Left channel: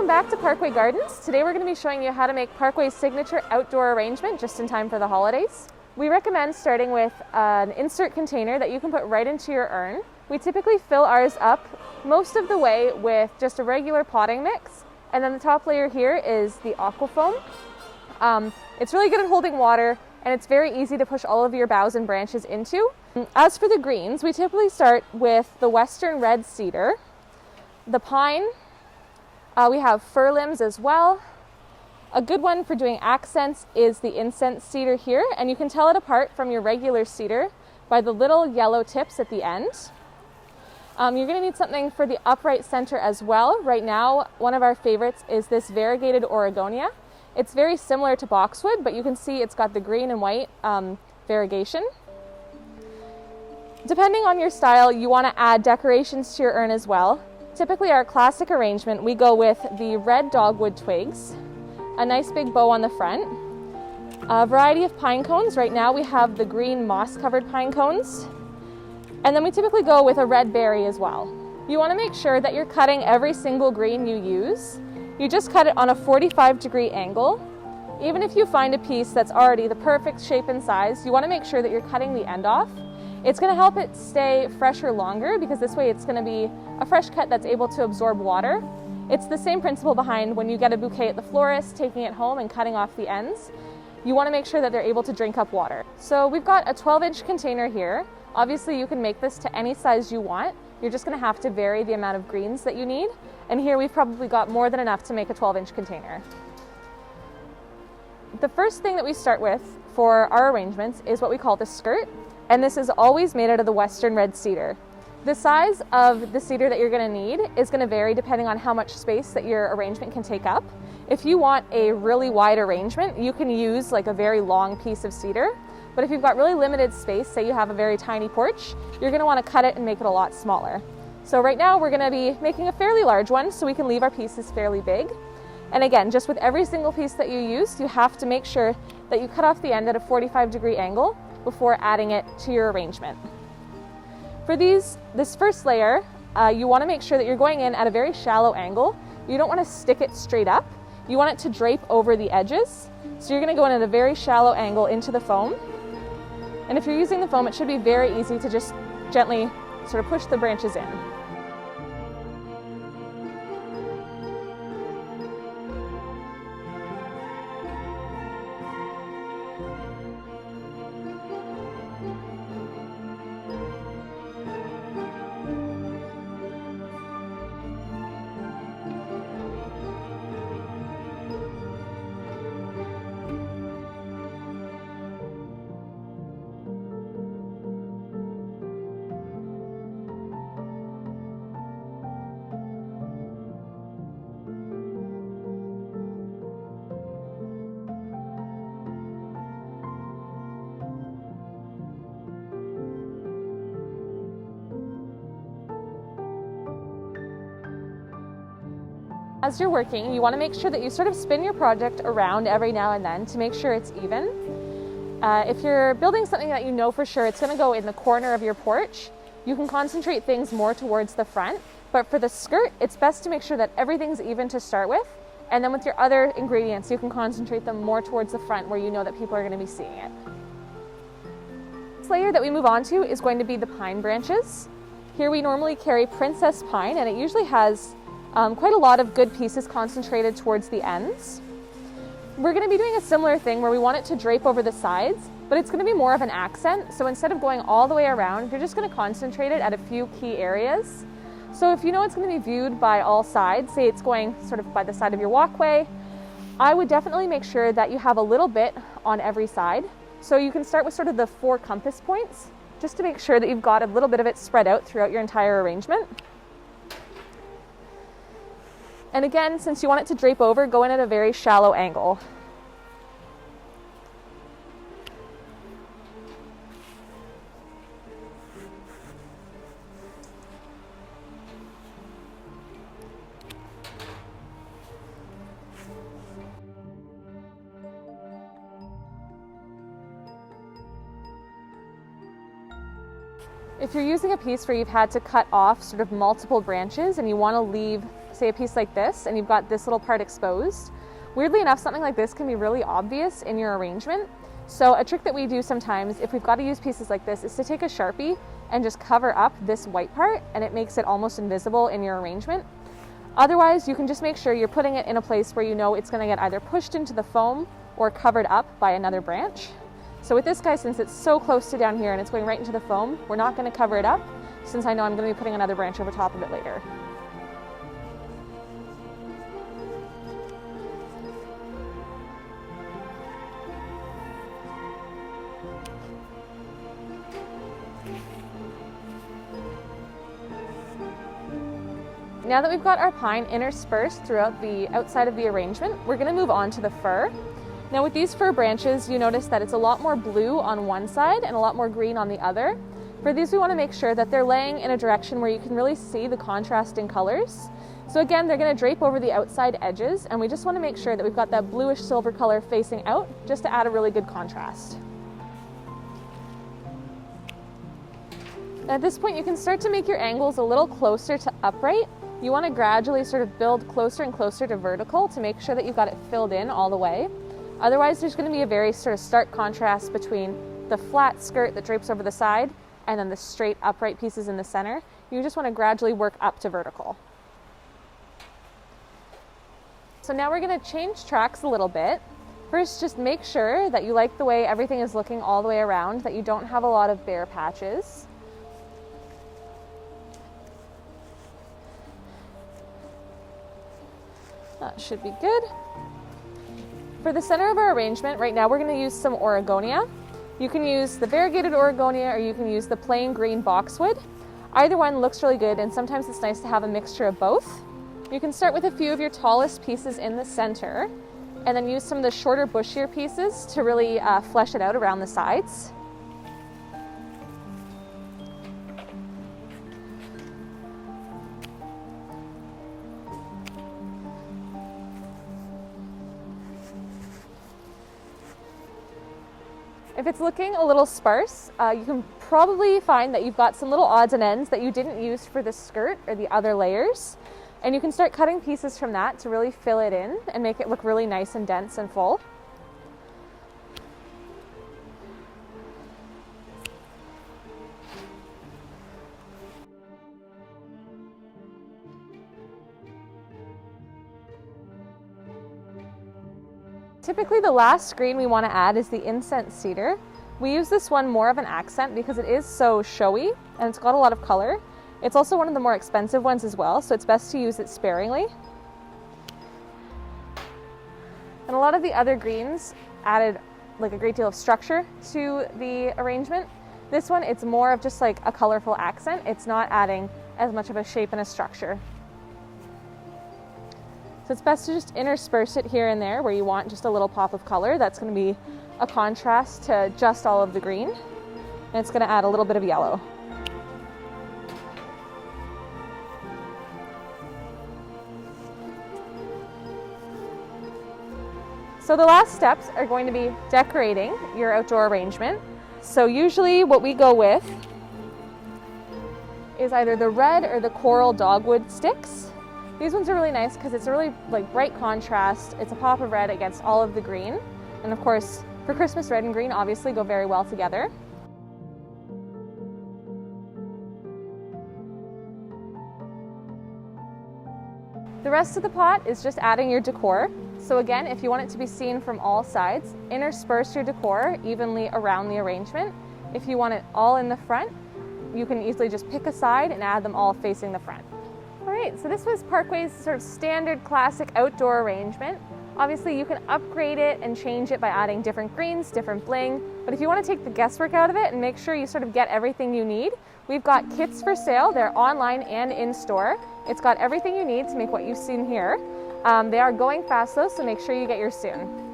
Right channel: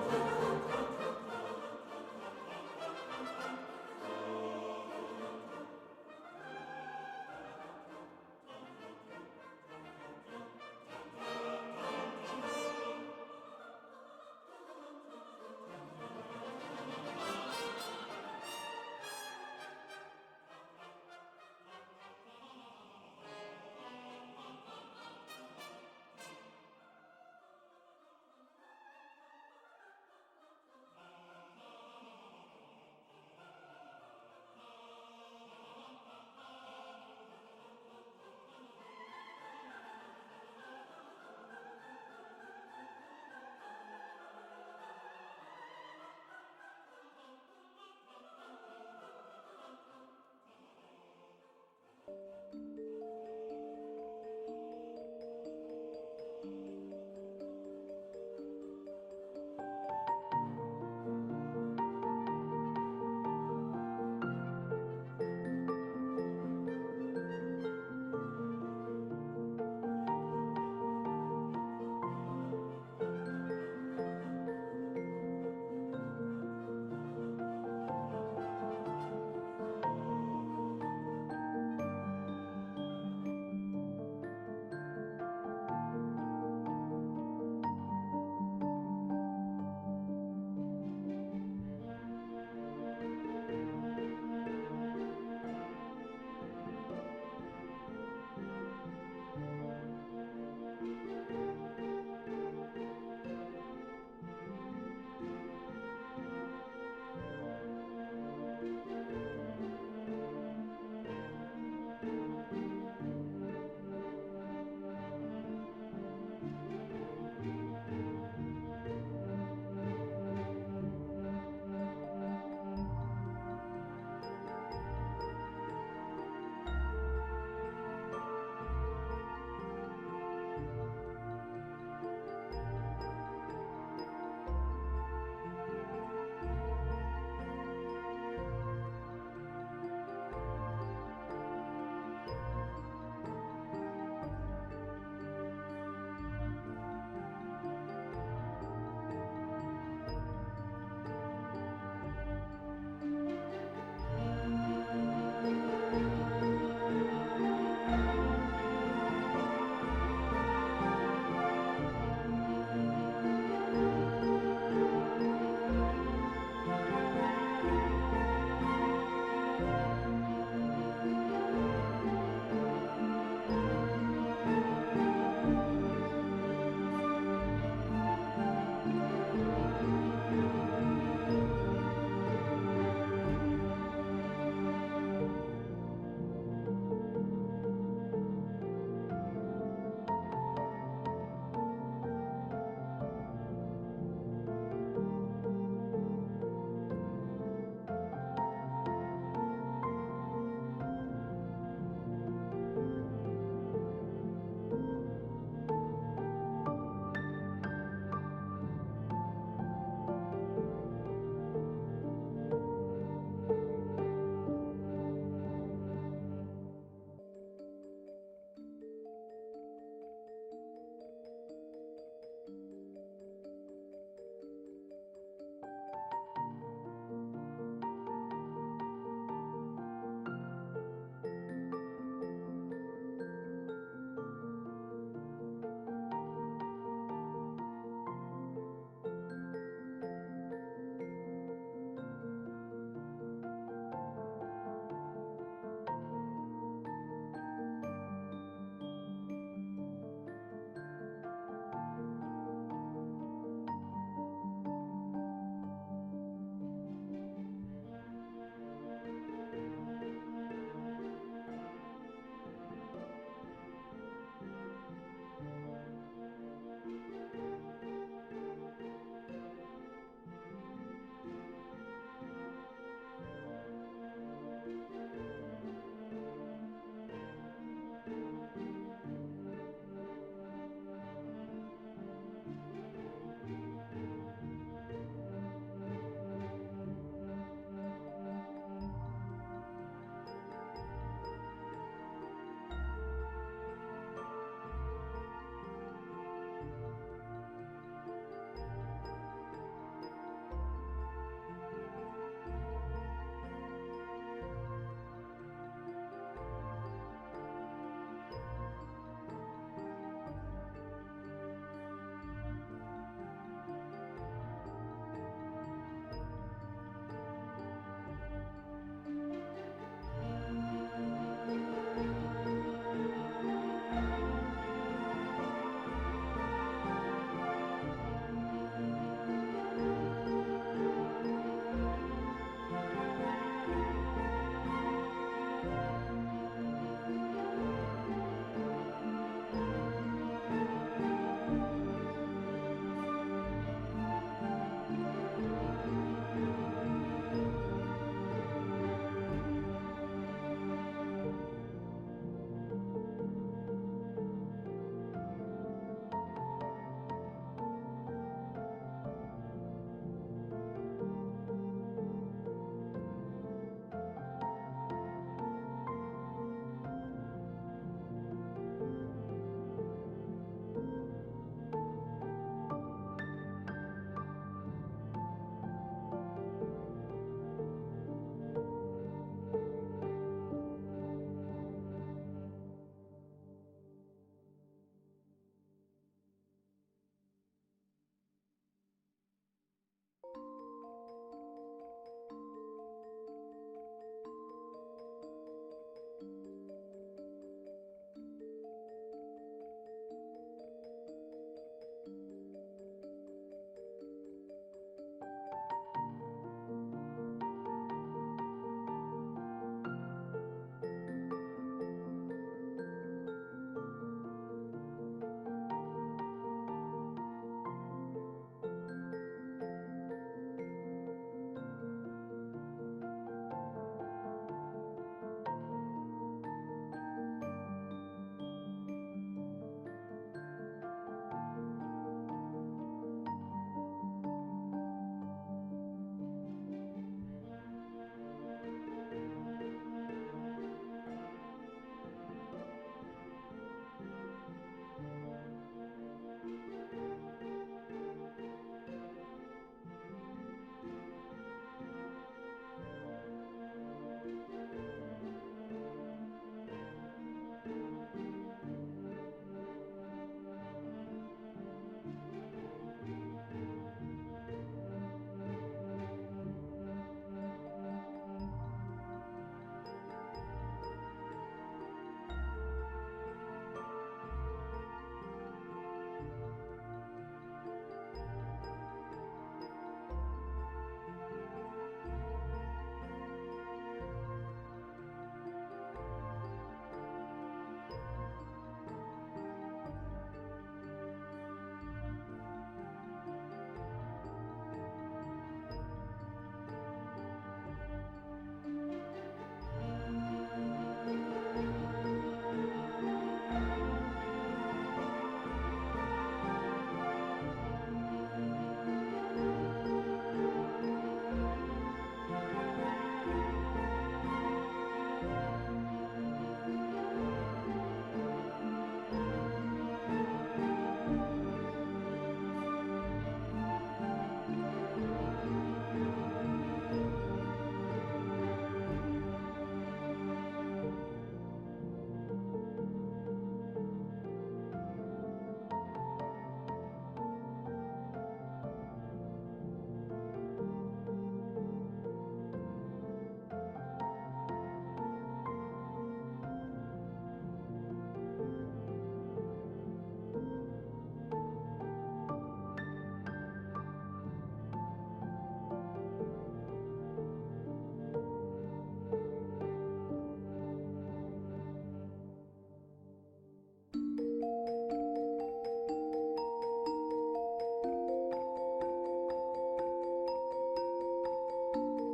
Welcome back to Parkway Gardens. Today we're going to be showing you how to make Parkway's signature outdoor arrangement just in time for the holidays. We recommend starting with an insert container that you can put right into your urn. We typically fill ours up most of the way with just a regular potting mix, and then the top layer here is the aquafoam. It's really good at holding water, and it's very easy to push all of your boughs and branches into. As for the greens, we typically start with the western red cedar, the pine. We have fir limbs as well. A good one for doing accents is the incense cedar here, and you can tell it apart from your regular cedar by the little yellow tips at the end. You're going to need something for the upright center as well. Right now, one of our favorites is this variegated Oregonia. It's very similar to boxwood, but you can see it's got the green and white variegation. Depending on your style, you want to add decorations to your urn as well. Typically, our classic arrangement, we go with the red dogwood twigs, a nice big bow on the front, a variety of pine cones. Right now we have the green moss-covered pine cones, and then we typically go with a red berry as well. You want to make sure that you're cutting every single green you use. You just cut it on a 45-degree angle. Even if you find a piece that's already the perfect shape and size, you want to make sure that you're cutting the end off. It's going to help it stay fresher longer, because this way it's going to be a fresh cut that's able to absorb water. It's the same principle behind when you get a bouquet at the florist, taking it home and cutting off the ends. You want to make sure that they're able to drink up water. So we've got a 12-inch container here. Obviously you can make this to any size you want. You're just going to have to vary the amount of greens that you need. And here we've probably got more than enough to make a 12-inch container. The first thing that we start with for our arrangements is what we call the skirt. And this is always made out of the western red cedar. The size of the cedar that you're going to need is going to vary depending on how much space that your arrangement can take up. If you want a really wide arrangement, you can use like a very long piece of cedar. But if you've got really limited space, say you have a very tiny porch, you're going to want to cut it and make it a lot smaller. So right now we're going to be making a fairly large one so we can leave our pieces fairly big. And again, just with every single piece that you use, you have to make sure that you cut off the end at a 45-degree angle before adding it to your arrangement. For this first layer, you want to make sure that you're going in at a very shallow angle. You don't want to stick it straight up. You want it to drape over the edges. So you're going to go in at a very shallow angle into the foam. And if you're using the foam, it should be very easy to just gently sort of push the branches in. As you're working, you want to make sure that you sort of spin your project around every now and then to make sure it's even. If you're building something that you know for sure it's going to go in the corner of your porch, you can concentrate things more towards the front. But for the skirt, it's best to make sure that everything's even to start with. And then with your other ingredients, you can concentrate them more towards the front where you know that people are going to be seeing it. This layer that we move on to is going to be the pine branches. Here we normally carry princess pine, and it usually has quite a lot of good pieces concentrated towards the ends. We're going to be doing a similar thing where we want it to drape over the sides, but it's going to be more of an accent. So instead of going all the way around, you're just going to concentrate it at a few key areas. So if you know it's going to be viewed by all sides, say it's going sort of by the side of your walkway, I would definitely make sure that you have a little bit on every side. So you can start with sort of the 4 compass points, just to make sure that you've got a little bit of it spread out throughout your entire arrangement. And again, since you want it to drape over, go in at a very shallow angle. If you're using a piece where you've had to cut off sort of multiple branches and you want to leave say a piece like this and you've got this little part exposed, weirdly enough, something like this can be really obvious in your arrangement. So a trick that we do sometimes, if we've got to use pieces like this, is to take a Sharpie and just cover up this white part, and it makes it almost invisible in your arrangement. Otherwise, you can just make sure you're putting it in a place where you know it's going to get either pushed into the foam or covered up by another branch. So with this guy, since it's so close to down here and it's going right into the foam, we're not going to cover it up, since I know I'm going to be putting another branch over top of it later. Now that we've got our pine interspersed throughout the outside of the arrangement, we're going to move on to the fir. Now with these fir branches, you notice that it's a lot more blue on one side and a lot more green on the other. For these, we want to make sure that they're laying in a direction where you can really see the contrasting colors. So again, they're going to drape over the outside edges, and we just want to make sure that we've got that bluish silver color facing out, just to add a really good contrast. At this point, you can start to make your angles a little closer to upright. You want to gradually sort of build closer and closer to vertical to make sure that you've got it filled in all the way. Otherwise, there's going to be a very sort of stark contrast between the flat skirt that drapes over the side and then the straight upright pieces in the center. You just want to gradually work up to vertical. So now we're going to change tracks a little bit. First, just make sure that you like the way everything is looking all the way around, that you don't have a lot of bare patches. That should be good. For the center of our arrangement, right now we're going to use some Oregonia. You can use the variegated Oregonia or you can use the plain green boxwood. Either one looks really good, and sometimes it's nice to have a mixture of both. You can start with a few of your tallest pieces in the center and then use some of the shorter, bushier pieces to really flesh it out around the sides. If it's looking a little sparse, you can probably find that you've got some little odds and ends that you didn't use for the skirt or the other layers. And you can start cutting pieces from that to really fill it in and make it look really nice and dense and full. Typically the last green we want to add is the incense cedar. We use this one more of an accent because it is so showy and it's got a lot of color. It's also one of the more expensive ones as well, so it's best to use it sparingly. And a lot of the other greens added like a great deal of structure to the arrangement. This one, it's more of just like a colorful accent. It's not adding as much of a shape and a structure. So it's best to just intersperse it here and there where you want just a little pop of color. That's going to be a contrast to just all of the green. And it's going to add a little bit of yellow. So the last steps are going to be decorating your outdoor arrangement. So usually what we go with is either the red or the coral dogwood sticks. These ones are really nice because it's a really bright contrast. It's a pop of red against all of the green. And of course, for Christmas, red and green obviously go very well together. The rest of the pot is just adding your decor. So again, if you want it to be seen from all sides, intersperse your decor evenly around the arrangement. If you want it all in the front, you can easily just pick a side and add them all facing the front. All right, so this was Parkway's sort of standard classic outdoor arrangement. Obviously you can upgrade it and change it by adding different greens, different bling, but if you want to take the guesswork out of it and make sure you sort of get everything you need, we've got kits for sale. They're online and in store. It's got everything you need to make what you've seen here. They are going fast though, so make sure you get yours soon.